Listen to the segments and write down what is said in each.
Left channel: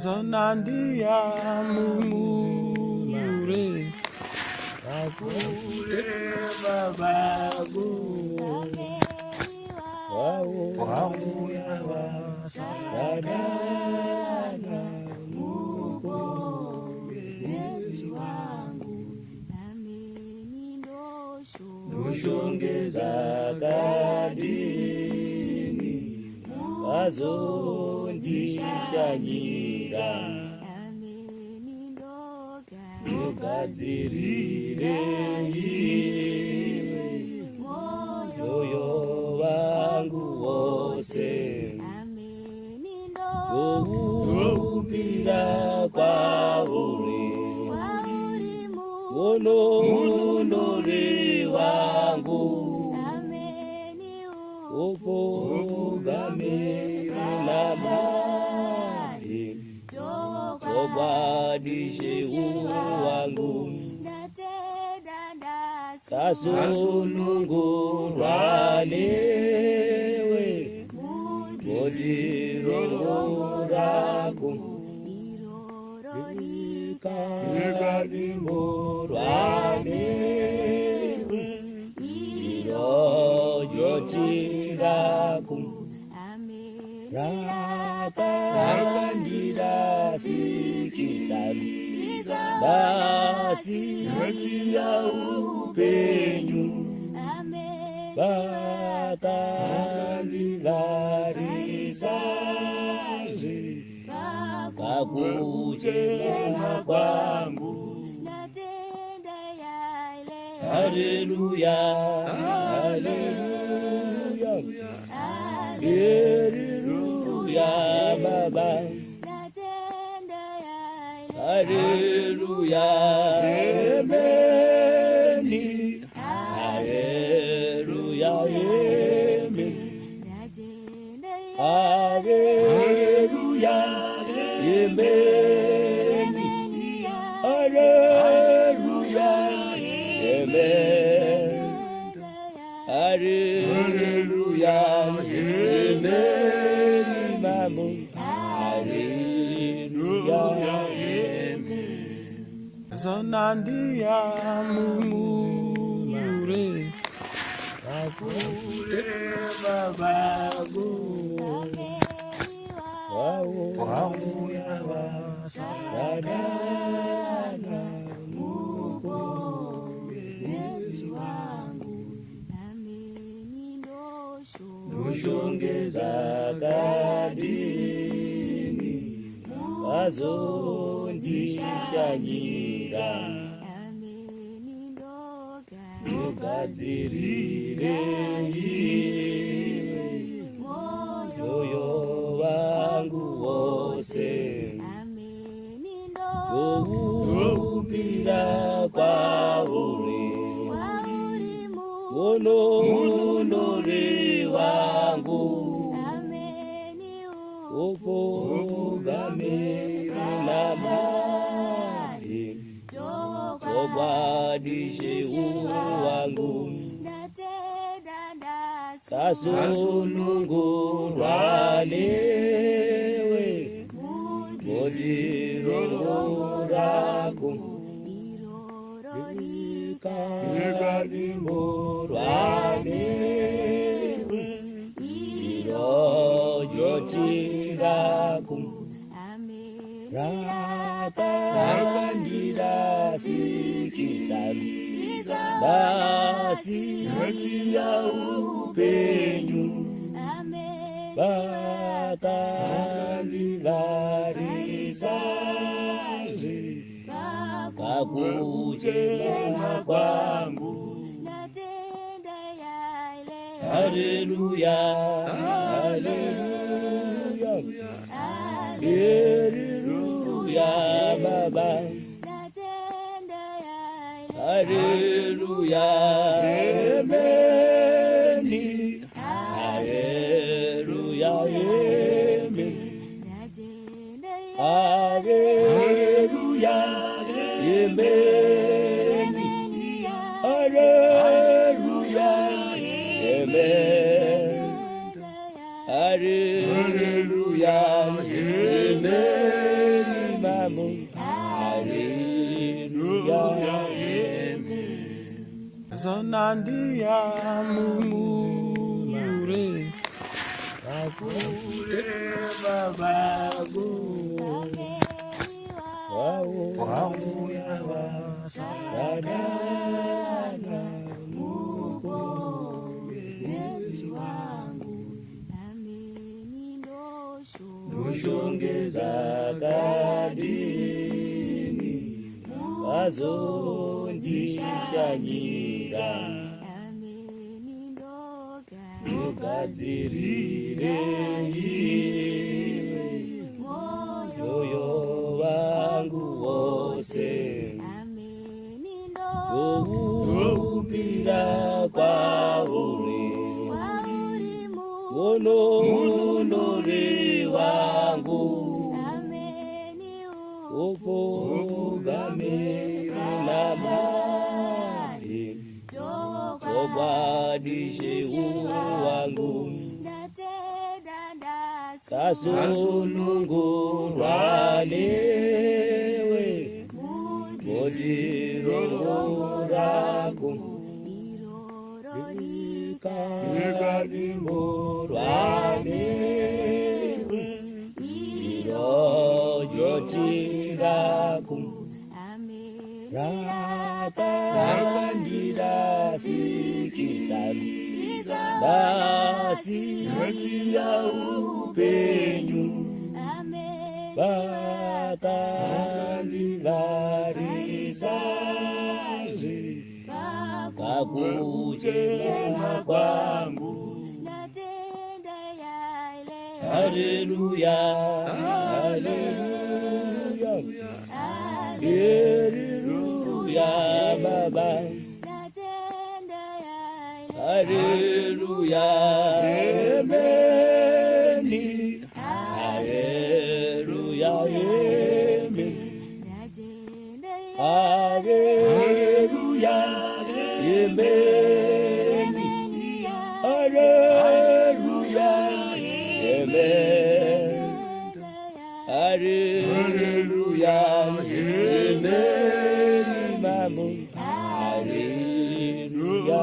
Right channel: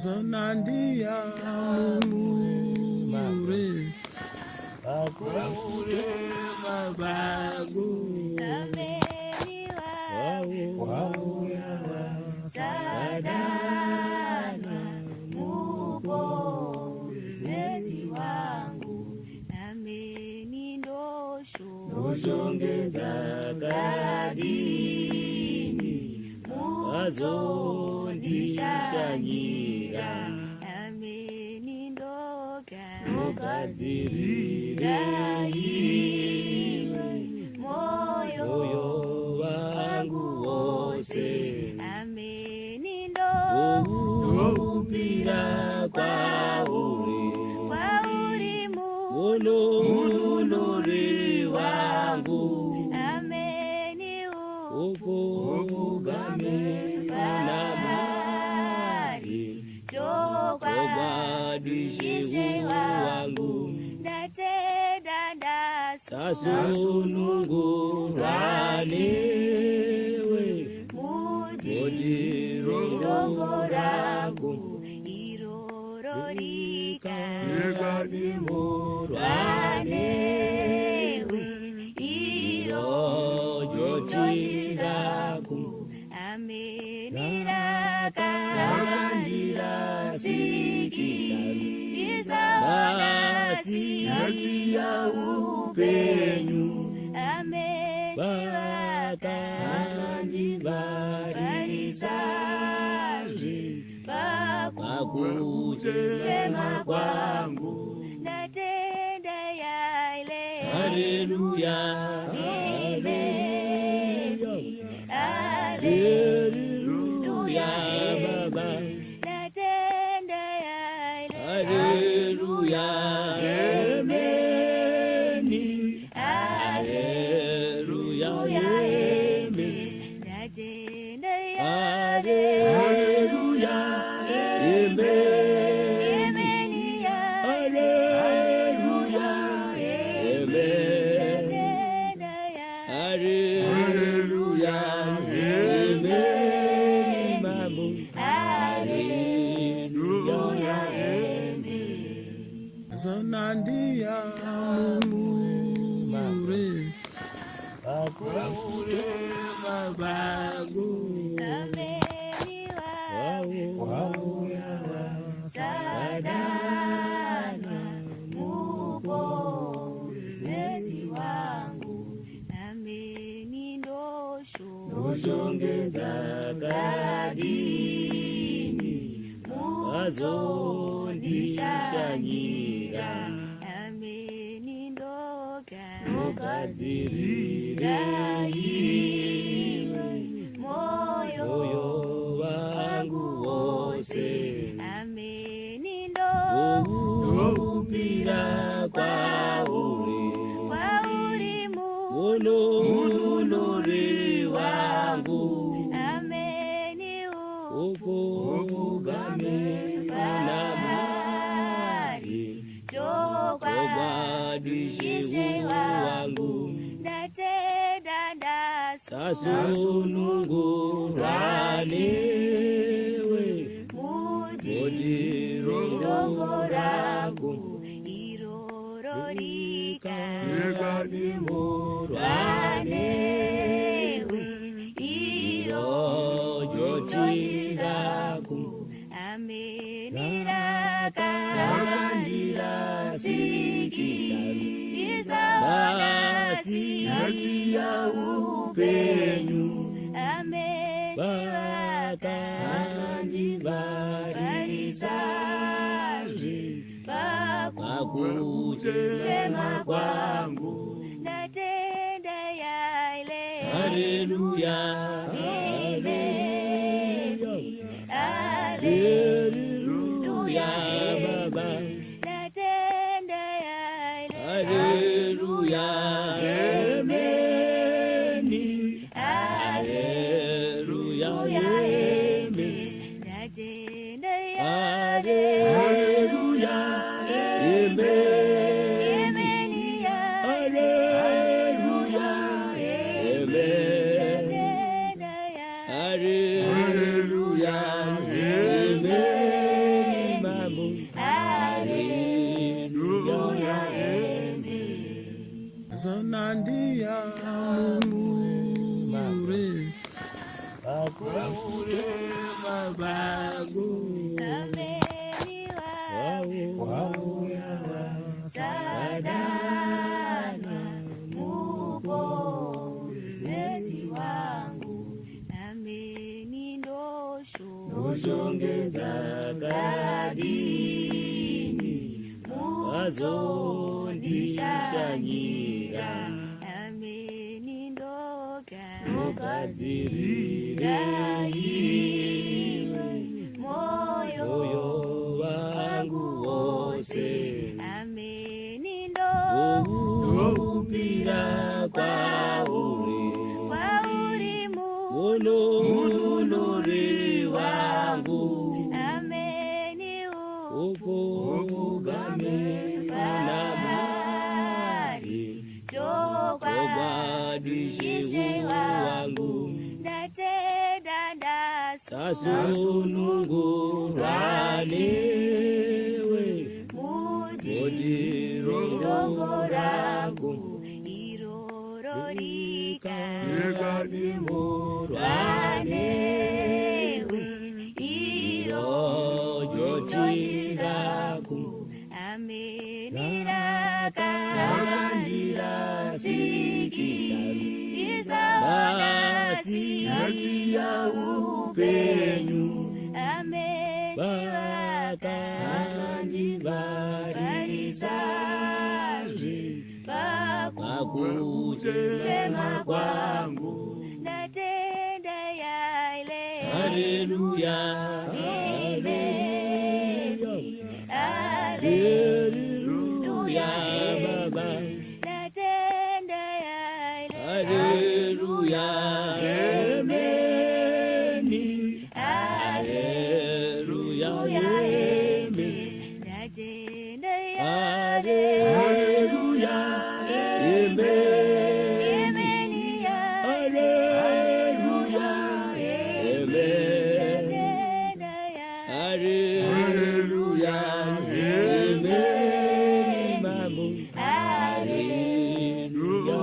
Zonandia mumure akure babagu wau ya sadana mupo Yesu wangu nameni ndoshongeza kadini wazondishangira nameni ndogadzirire moyo wangu wose nameni ndoupira kwauri munondori wangu nameni ukogame unabari chobadishe wangu kasununguranewe motirorago irorikarimurwanewe irojotirago rakandira sikisari basi ya upenyu bakandivarisaje pakuchema kwangu haleluya haleluya haleluya baba haleluya ameni haleluya ameni haleluya ameni haleluya ameni haleluya ameni mamu haleluya Zonandia mumure akure babagu wau ya sadana mupo Yesu wangu nameni ndoshongeza kadini wazondishangira nameni ndogadzirire moyo wangu wose nameni ndoupira kwauri munondori wangu nameni ukogame unabari chobadishe wangu kasununguranewe motirorago irorikarimurwanewe irojotirago rakandira sikisari basi ya upenyu bakandivarisaje pakuchema kwangu haleluya haleluya haleluya baba haleluya ameni haleluya ameni haleluya ameni haleluya ameni haleluya ameni mambo. Haleluya, amen. Zanandia mumure akure babago Sadana mwokozi wangu, noshongeza kadini wazondishanyira nogadzirire moyo wangu wose noupira kwauri munonori wangu upogame unamari tobadishe wangu kasununguranewe motirorago ikadimuranewe irojotirago rakandira sikisani basi ya upenyu vakandivarisaje pakuchema kwangu. Haleluya, haleluya, haleluya Baba. Haleluya, amen. Haleluya, amen. Haleluya, amen. Haleluya, amen. Haleluya, amen. Mambo. Haleluya,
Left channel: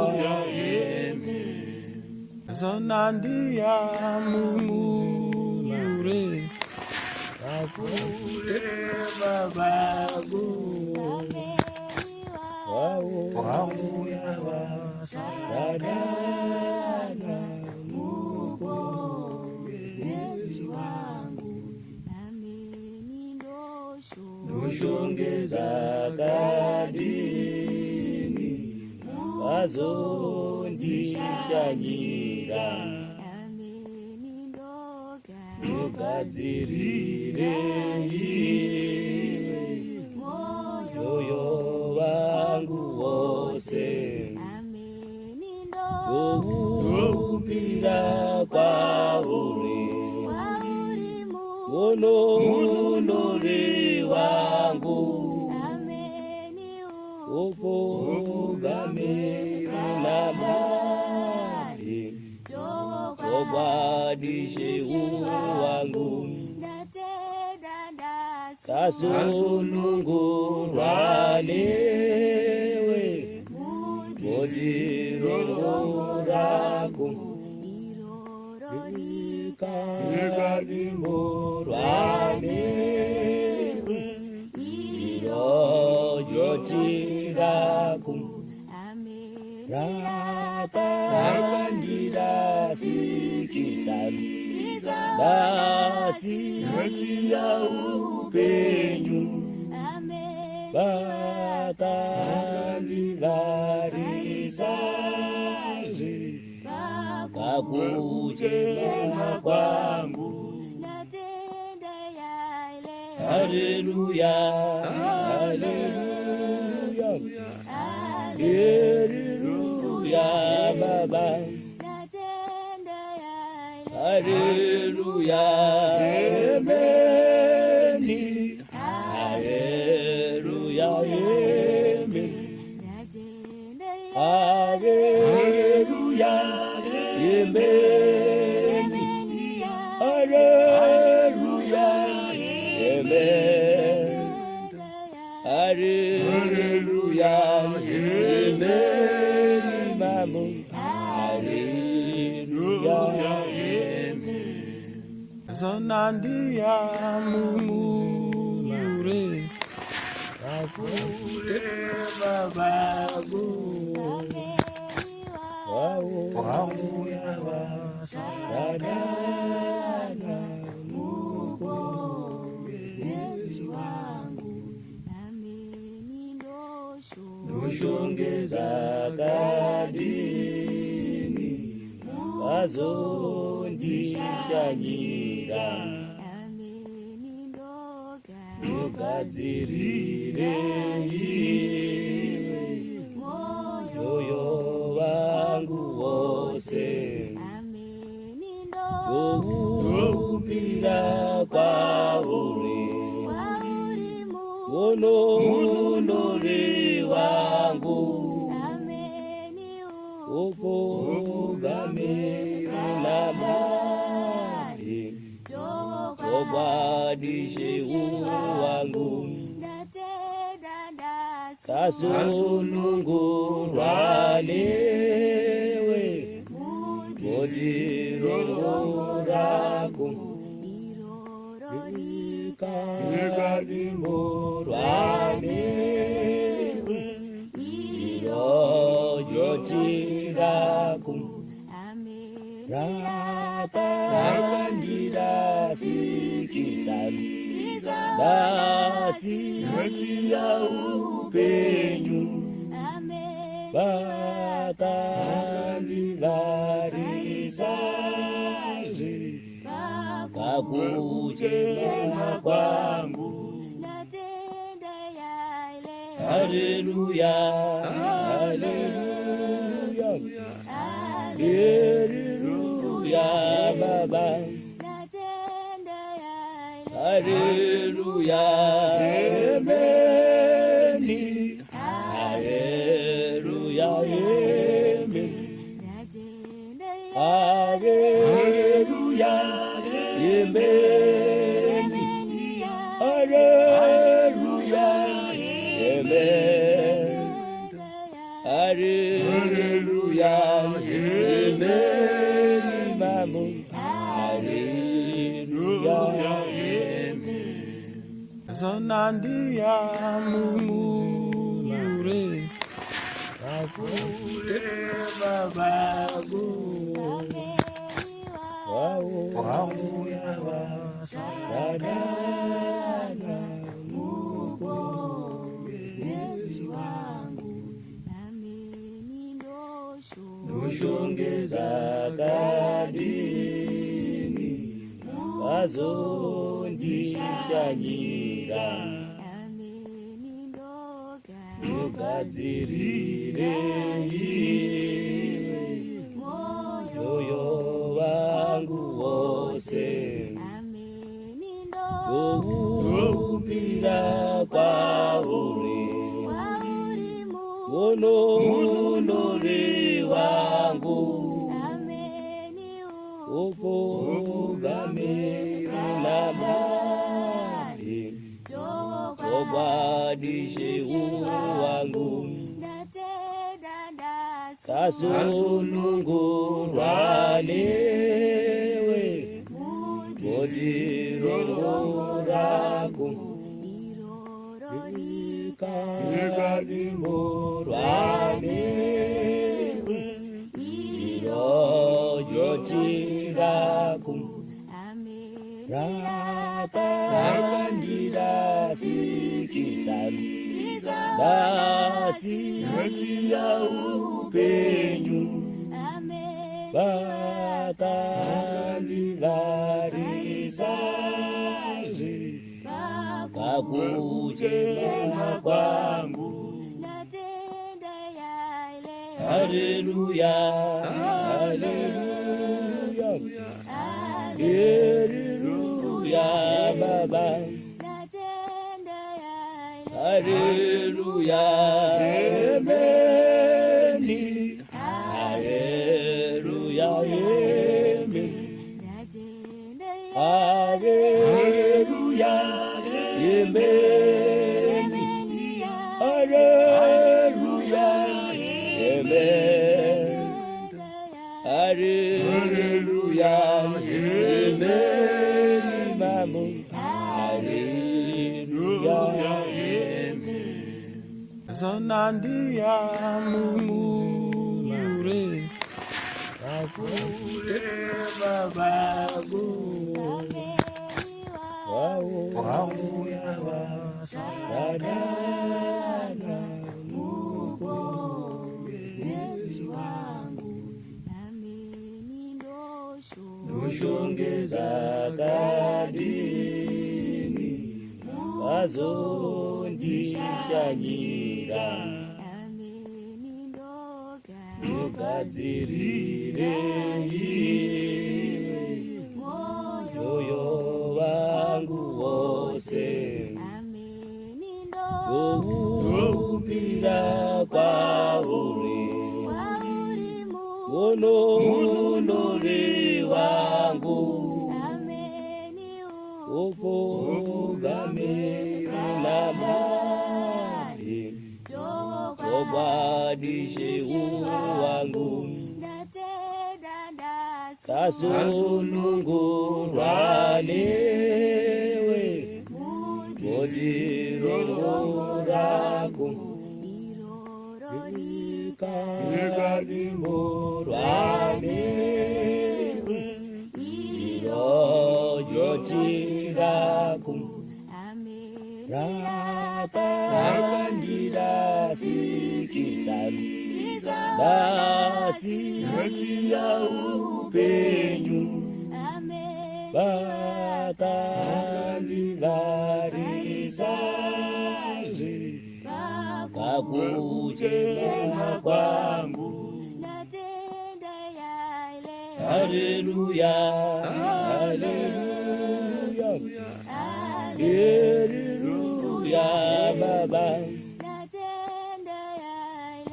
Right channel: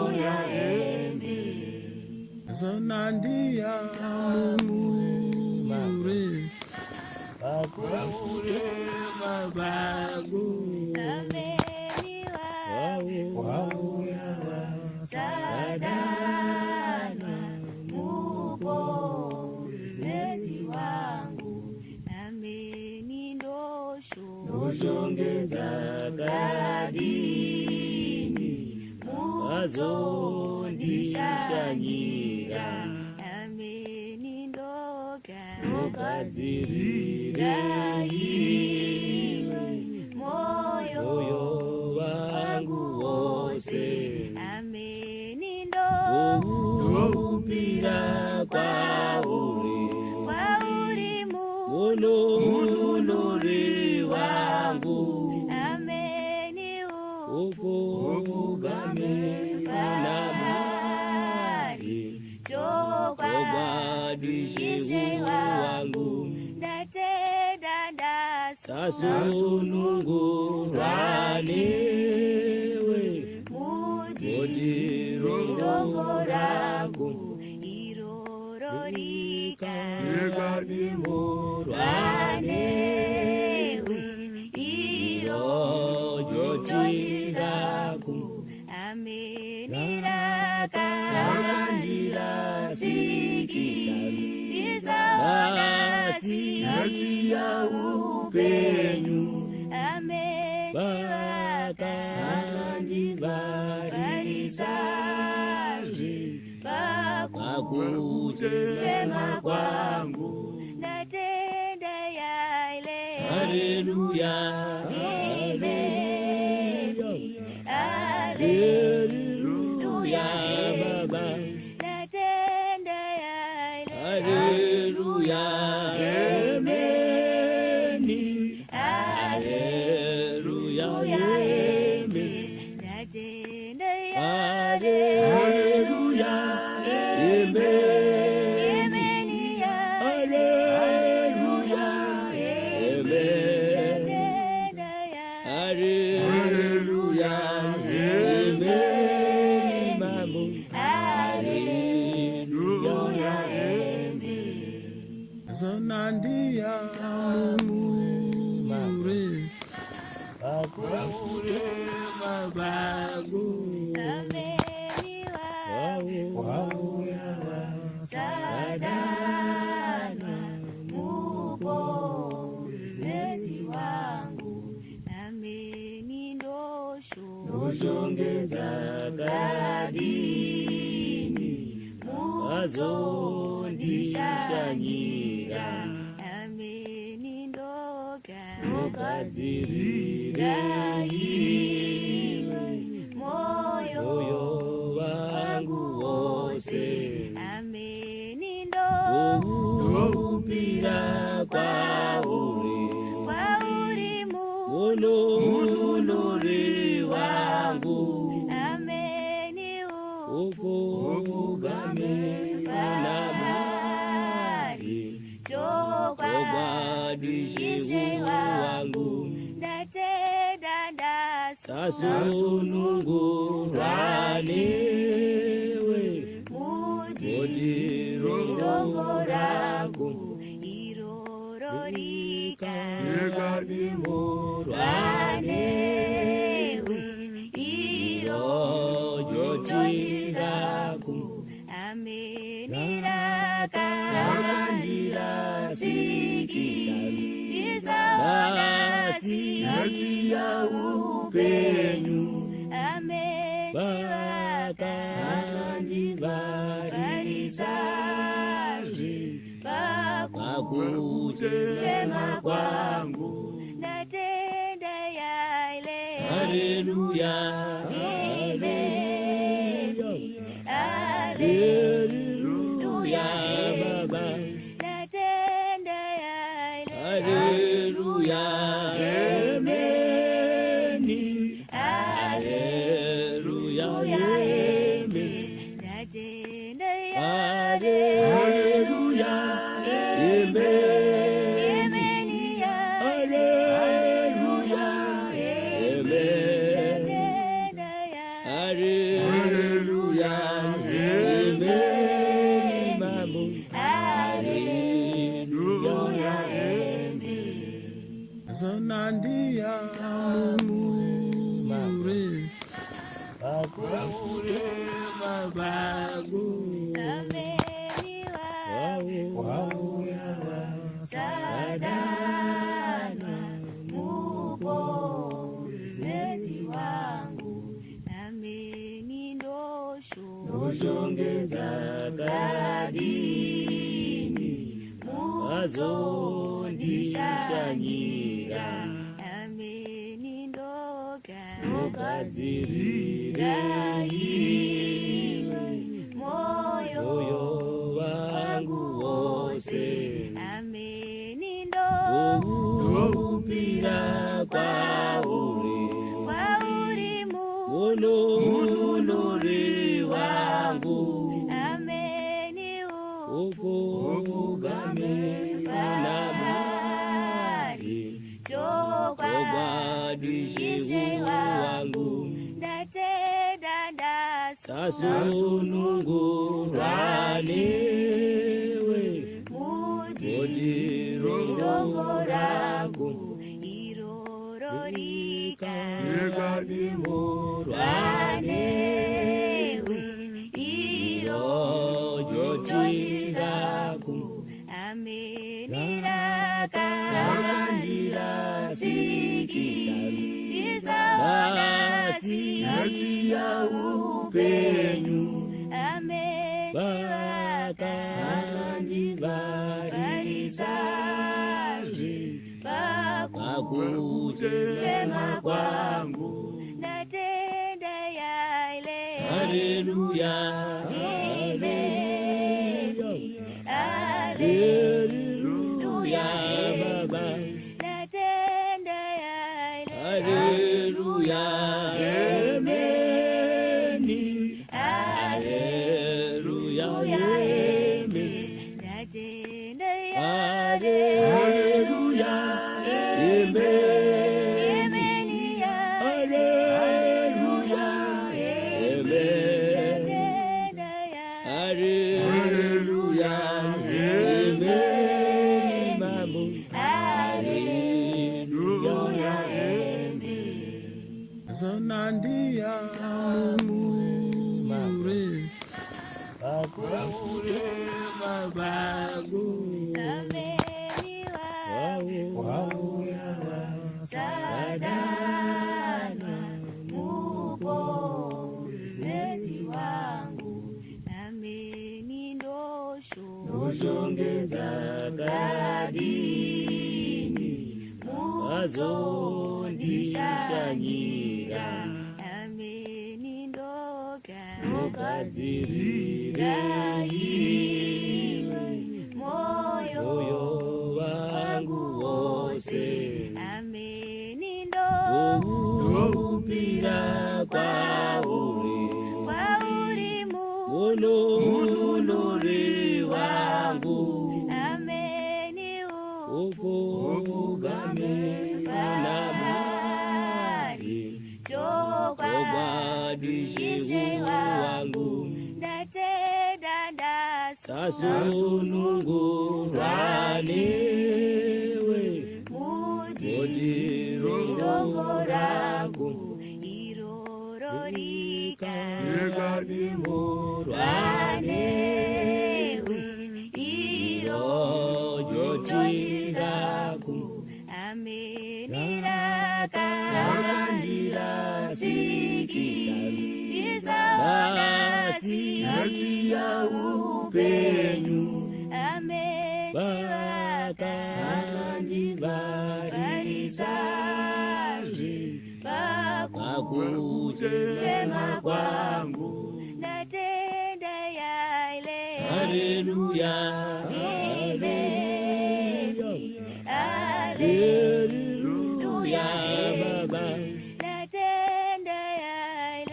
Zanandia mumure akure babago Sadana mwokozi wangu, noshongeza kadini wazondishanyira nogadzirire moyo wangu wose noupira kwauri munonori wangu upogame unamari tobadishe wangu kasununguranewe motirorago ikadimuranewe irojotirago rakandira sikisani basi ya upenyu vakandivarisaje pakuchema kwangu. Haleluya, haleluya, haleluya Baba. Haleluya, amen. Haleluya, amen. Haleluya, amen. Haleluya, amen. haleluya, imbeni mambo, haleluya, zonandia mumure akure babagu sadana noshongeza kadini wazondishanyira nogadzirire moyo wangu wose ndoupira kwauri unondori wangu ukogamira nabari chobwadishe wangu kasunungurwa newe motiroraku ikadimurwa newe irojotiraku rakandira sikisani basi ya upenyu vakandivarisaje pakuchema kwangu haleluya, haleluya, haleluya baba, haleluya, ameni, haleluya, ameni, haleluya, ameni, haleluya, amen, haleluya, amen, mambo, haleluya, zonandia mumure akure babagu sadana noshongeza kadini wazondishanyira nogadzirire moyo wangu wose ndoupira kwauri unondori wangu ukogamira nabari chobwadishe wangu kasunungurwa newe motiroraku ikadimurwa newe irojotiraku rakandira sikisani basi ya upenyu vakandivarisaje pakuchema kwangu haleluya, haleluya, haleluya baba, haleluya, ameni, haleluya, ameni, haleluya, ameni, Zonandia mumure Akure babagu Wauyawa Sadana Mupolezi wangu Nameni Noshongeza kadini Wazondishanyira Nameni Nogadzirire moyo wangu wose Upira kwauri Munori wangu Ukugame unabari Chobadishe wangu Kasununguranewe Mojiroragu Irorikarimuranewe Irojotiragu Rakandira sikisari Basi ya upenu Bakanivarisari Kakujema kwangu Haleluya Haleluya Haleluya Baba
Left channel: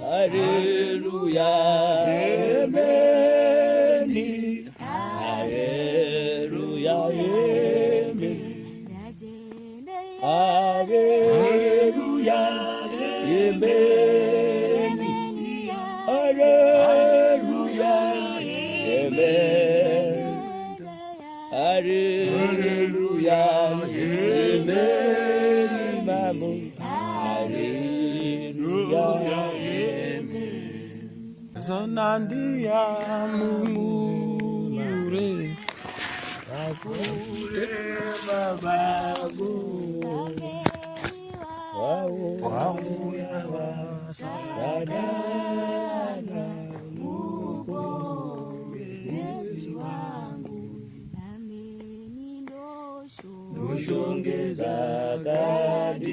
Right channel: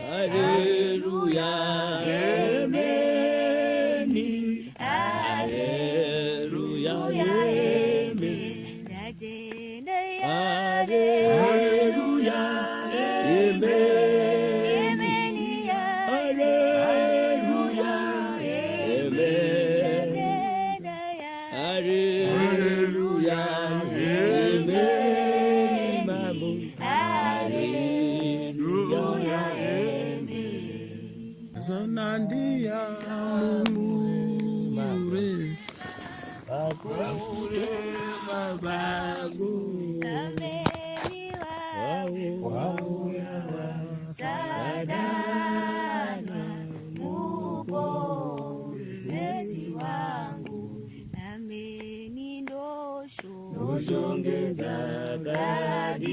Haleluya Amen Haleluya Amen Haleluya Amen Haleluya Amen Haleluya Amen Imamu Haleluya Amen Zonandia mumure Akure babagu Wauyawa Sadana Mupolezi wangu Nameni Noshongeza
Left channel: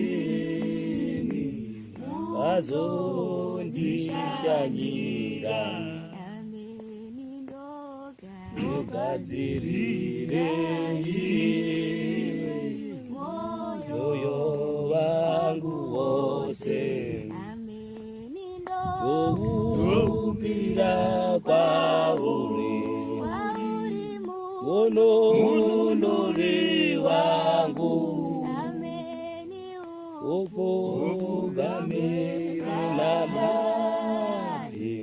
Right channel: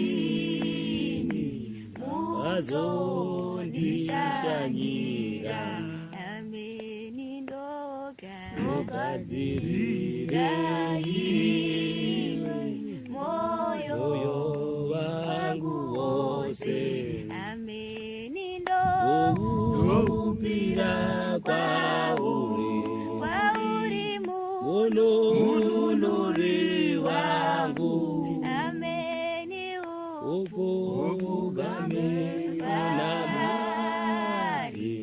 kadini Wazondishanyira Nameni Nogadzirire moyo wangu wose Upira kwauri Munori wangu Ukugame unabari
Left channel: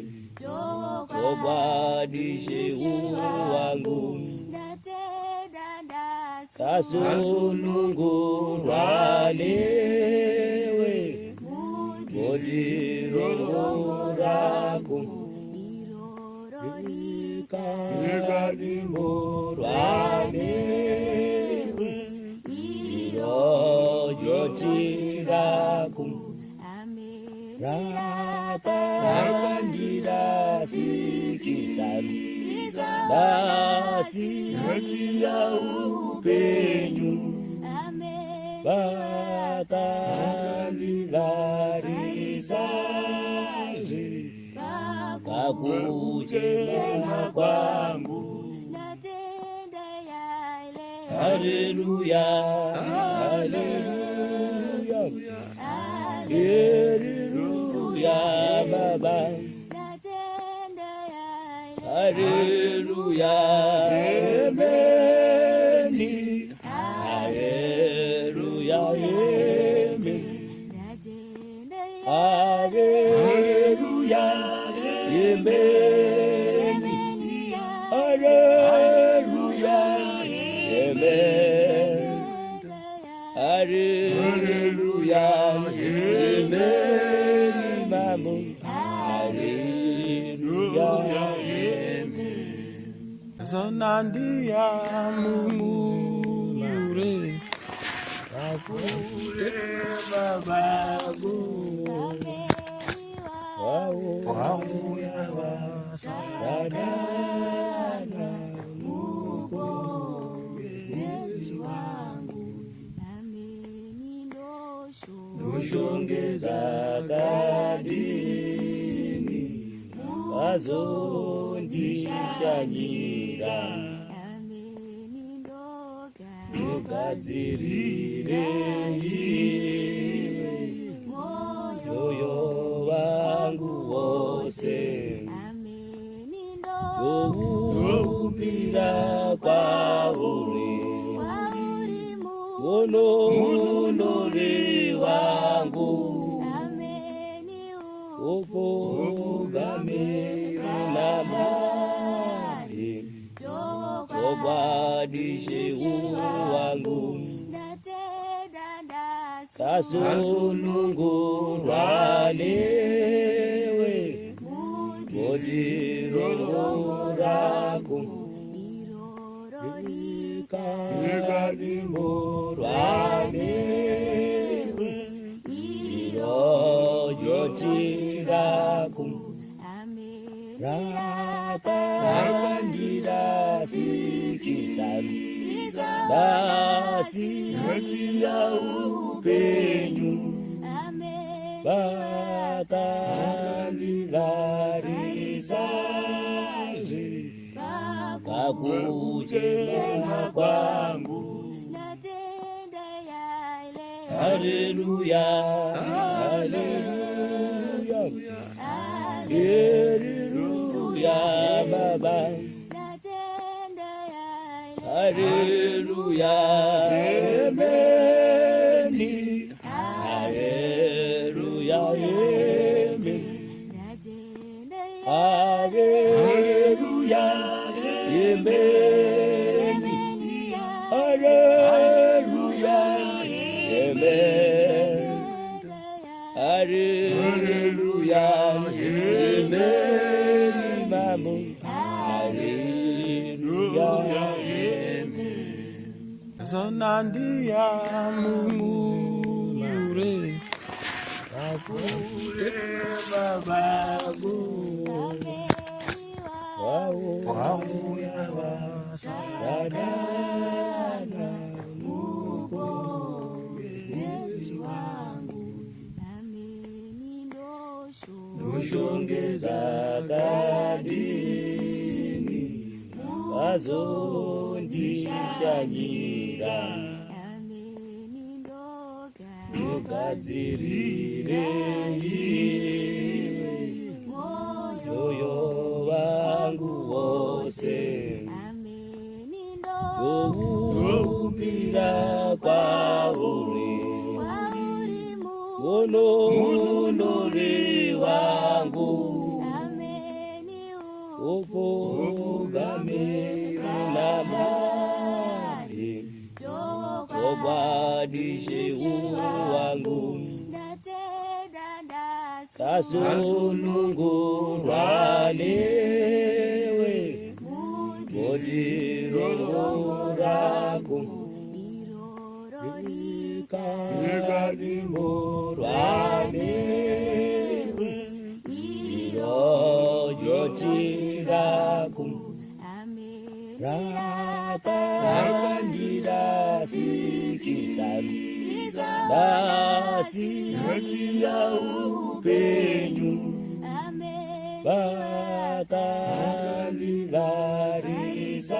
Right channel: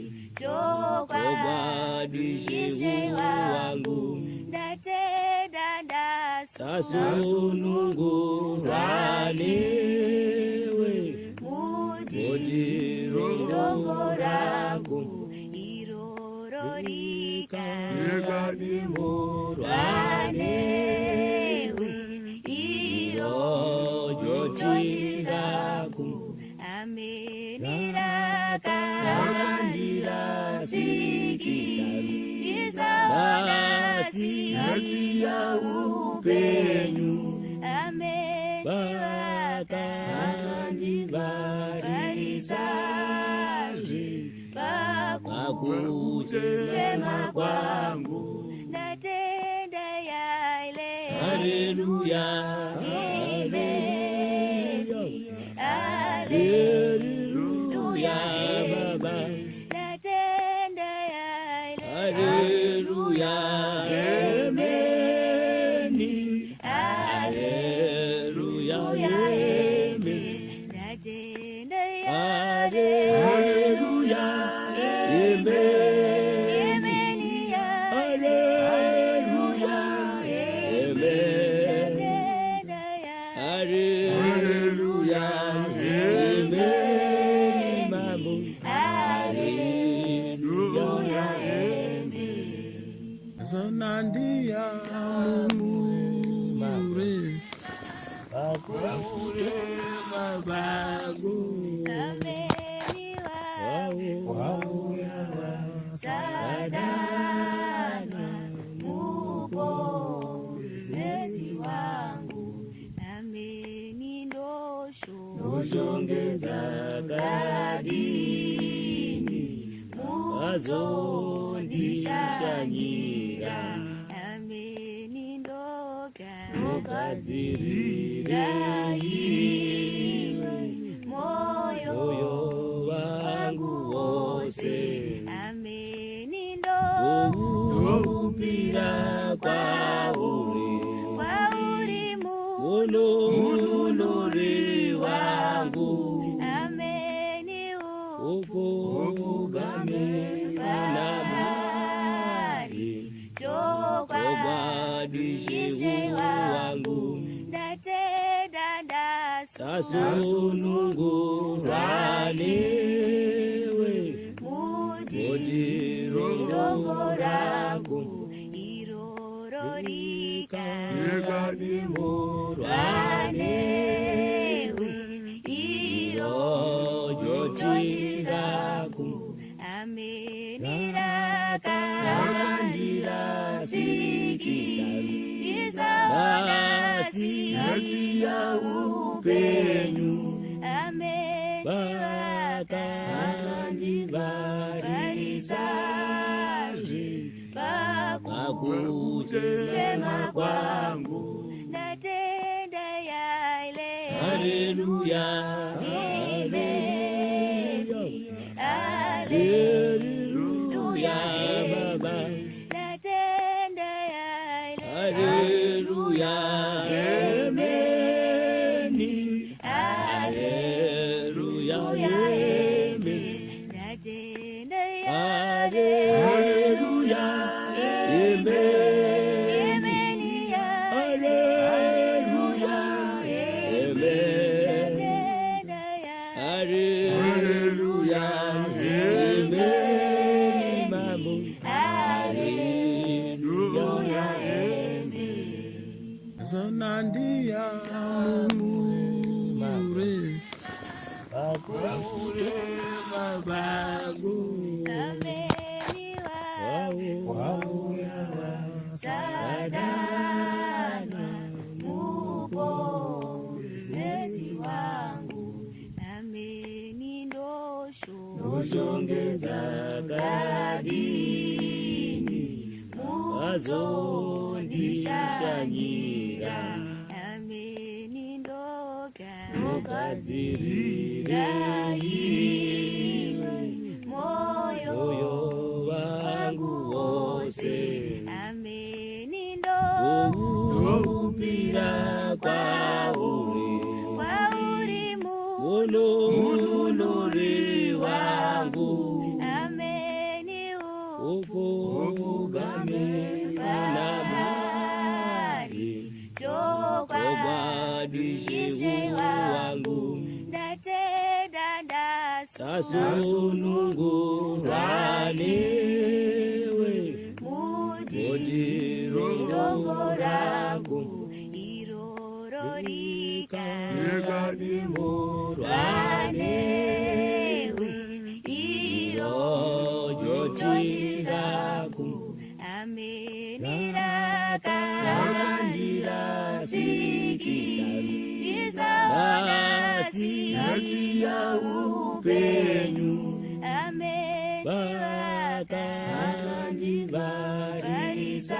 Chobadishe wangu Kasununguranewe Mojiroragu Irorikarimuranewe Irojotiragu Rakandira sikisari Basi ya upenu Bakanivarisari Kakujema kwangu Haleluya Haleluya Haleluya Baba Haleluya Amen Haleluya Amen Haleluya Amen Haleluya Amen Haleluya Amen mambo. Haleluya, amen. Zonandia mumure akure babago Sadana Mwokozi wangu nami noshongeza kadini wazondishanyira nogadzirire moyo wangu wose ndoupira kwauri unonori wangu ukogamira namari chobwadishe wangu kasunungurwa newe motiroraku ikadimurwa newe irojotiraku rakandira sikisani basi ya upenyu vakandivarisaje kakuchema kwangu. Haleluya, haleluya, haleluya Baba. Haleluya, amen. Haleluya, amen. Haleluya, amen. Haleluya, amen. Haleluya, amen. Mambo. Haleluya, Zonandia mumure akure babago Sadana Mwokozi wangu nami noshongeza kadini wazondishanyira nogadzirire moyo wangu wose ndoupira kwauri unonori wangu ukogamira namari chobwadishe wangu kasunungurwa newe motiroraku ikadimurwa newe irojotiraku rakandira sikisani basi ya upenyu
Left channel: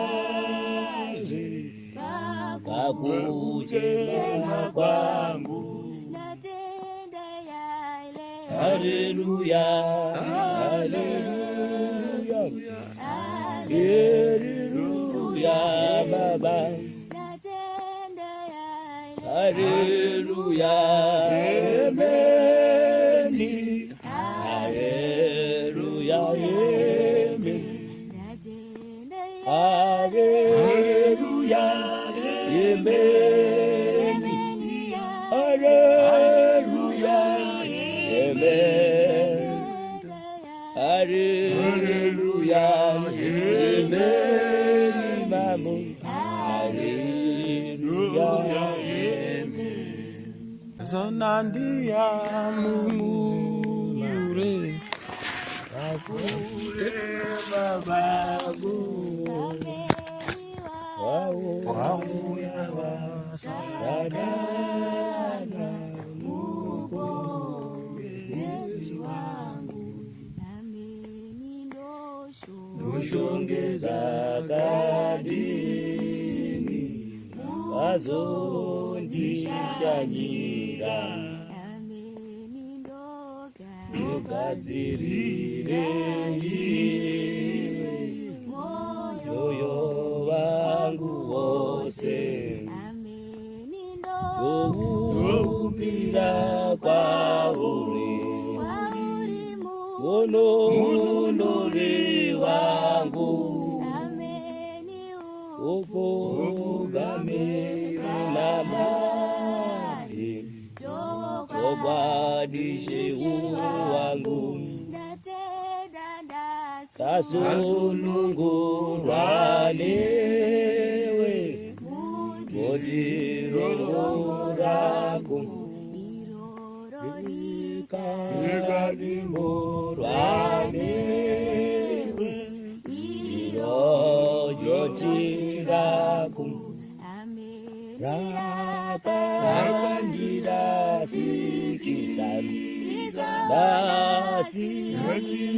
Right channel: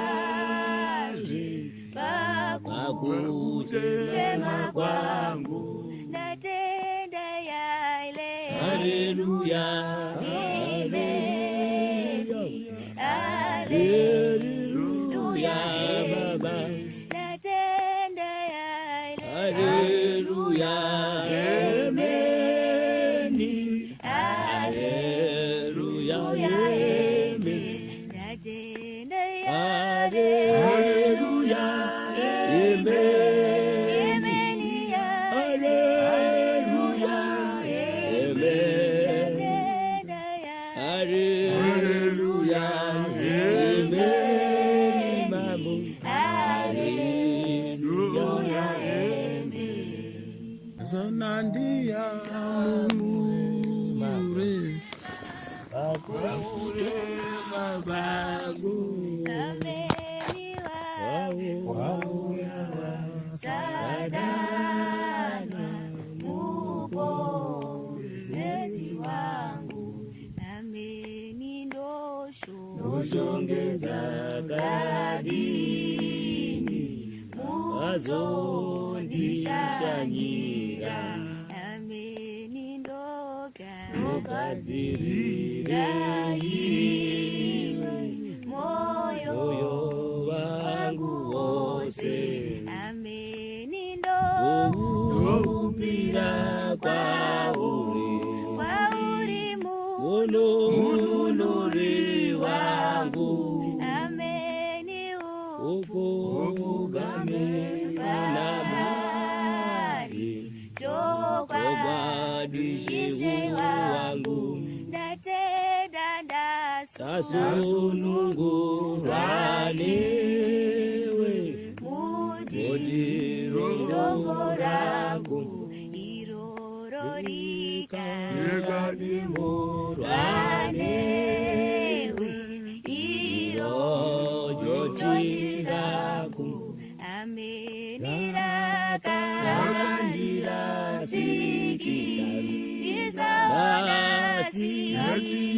vakandivarisaje kakuchema kwangu. Haleluya, haleluya, haleluya Baba. Haleluya, amen. Haleluya, amen. Haleluya, amen. Haleluya, amen. Zonandia mumure Akure babagu Sadana Nushongeza kadini Wazondishanyira Mugadzirire moyo wangu wose Upira kwauri Unondori wangu Ukugame unabari Chobadishe wangu Kasununguranewe Mojiroragu Irgadimuranewe Irojotiraku Rakandira sikisari Basi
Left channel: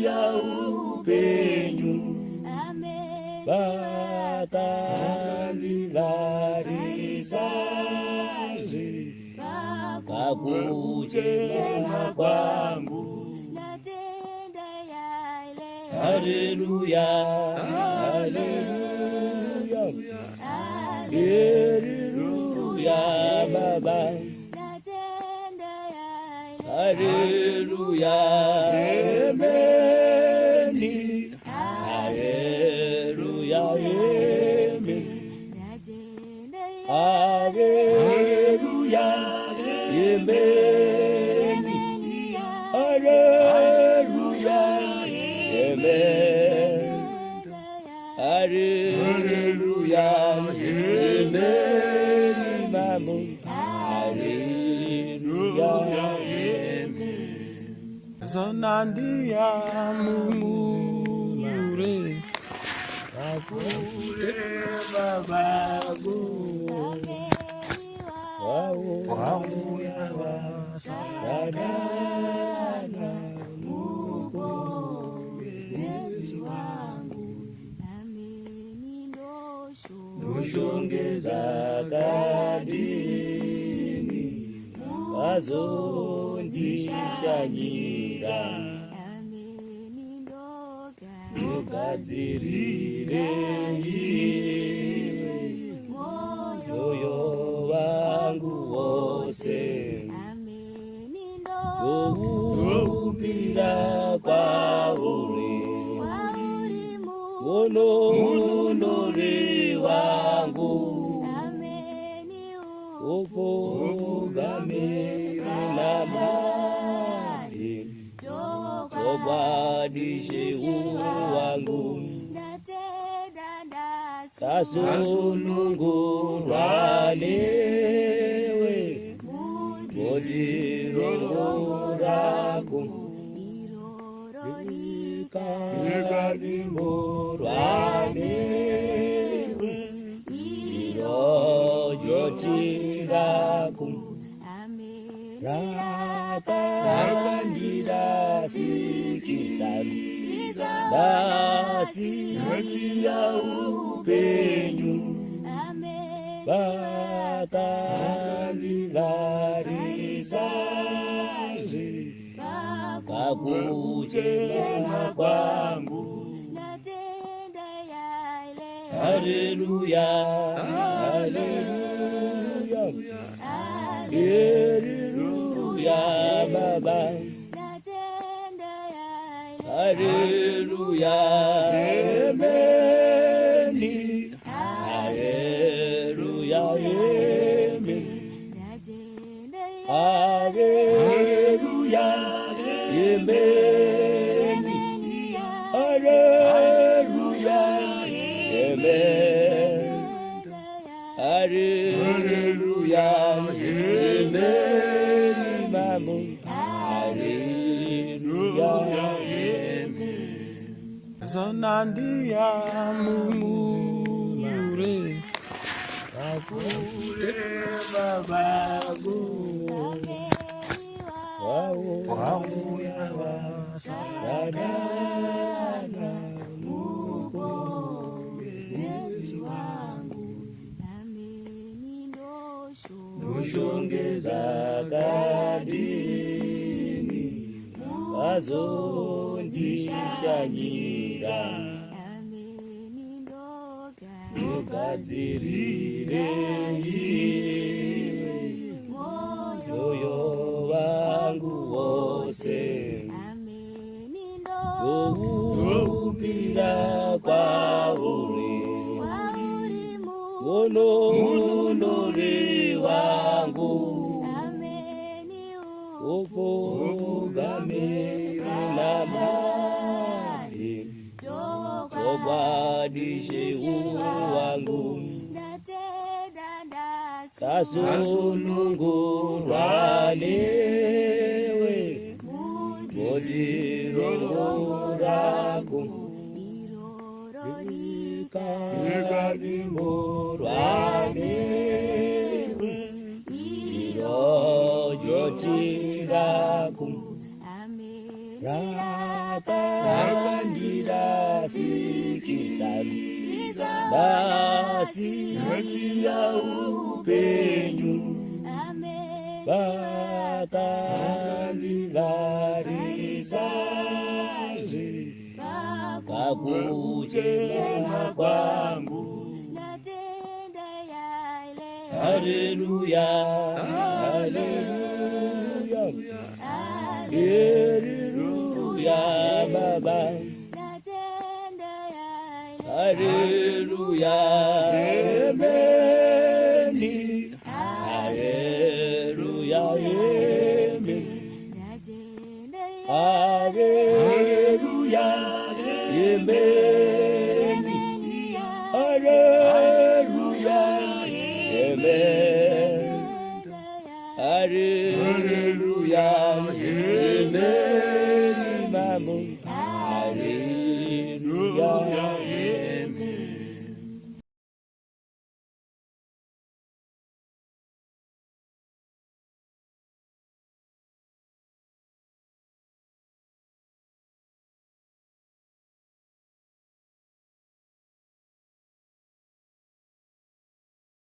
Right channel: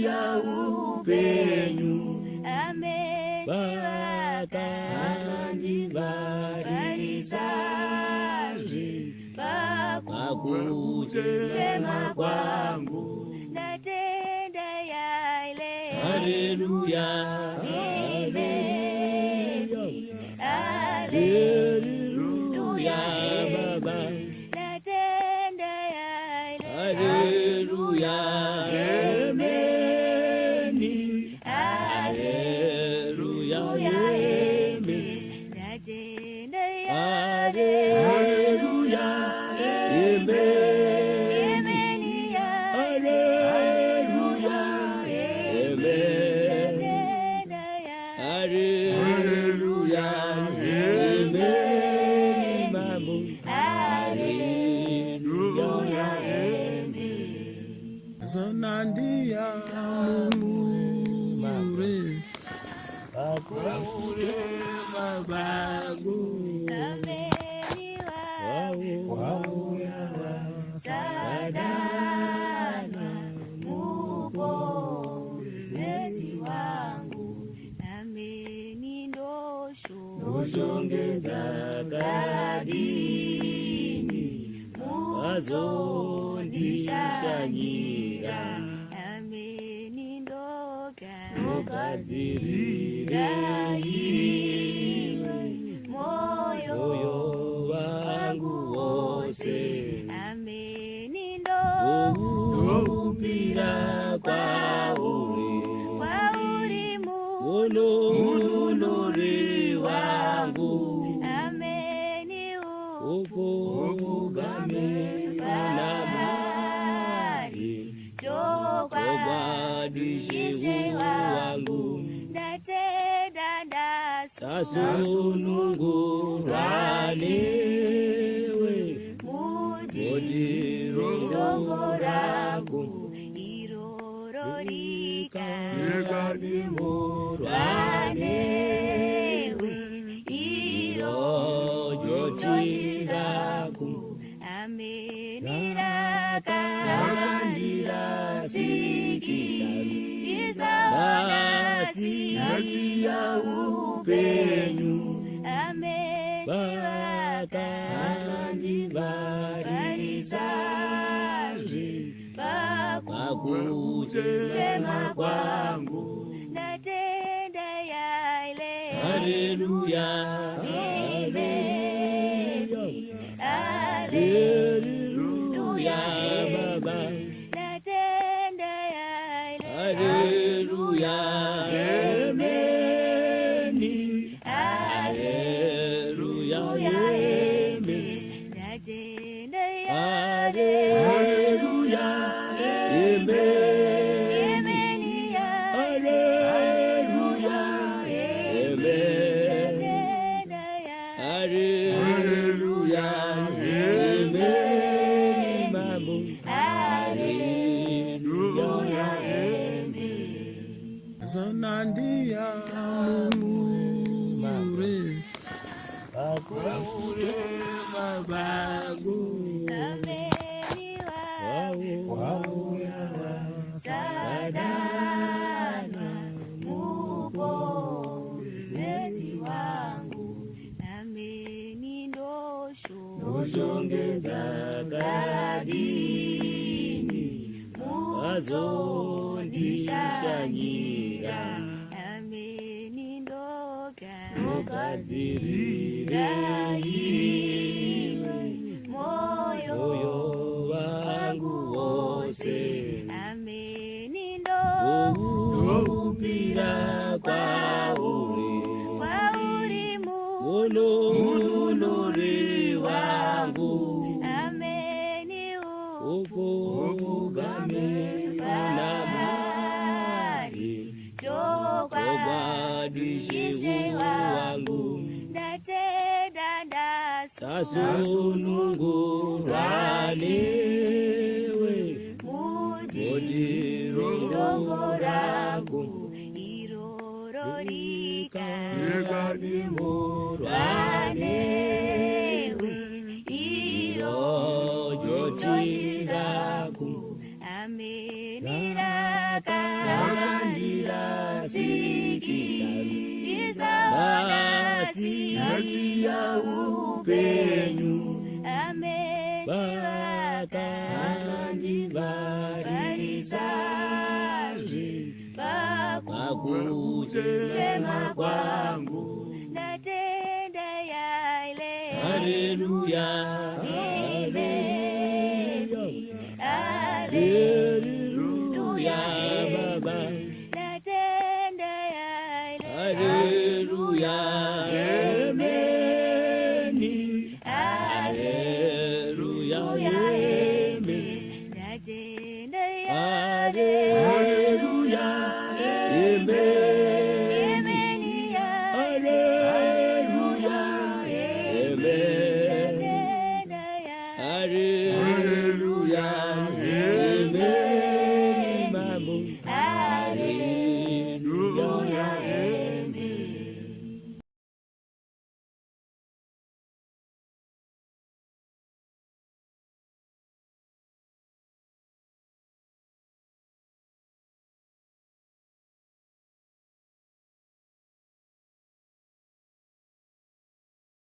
ya upenyu Bakandivarisazi Kakujema kwangu Haleluya Haleluya Haleluya Baba Haleluya Ameni Haleluya Ameni Haleluya Ameni Haleluya Amen Haleluya Amen Mamu Haleluya Zonandia mumure Akure babagu Sadana Nushongeza kadini Wazondishanyira Mugadzirire moyo wangu wose Upira kwauri Unondori wangu Ukugame unabari Chobadishe wangu Kasununguranewe Mojiroragu Irgadimuranewe Irojotiraku Rakandira sikisari Basi ya upenyu Bakandivarisazi Kakujema kwangu Haleluya Haleluya Haleluya Baba Haleluya Ameni Haleluya Ameni Haleluya Ameni Haleluya Amen Haleluya Amen Zonandia mumure Akure babagu Sadana Nushongeza kadini Azondishanyira Nukadzirire moyo wangu wose Upira kwauri Unondori wangu Ukugame unamari Chobadishe wangu Kasununguranewe Modirororagu Irorikarimuranewe Irojotiragu Rakandira sikisari Basi ya upenyu Bakandivarizazi Kakujema kwangu Haleluya Haleluya Haleluya Baba Haleluya Amen Haleluya Amen Haleluya Amen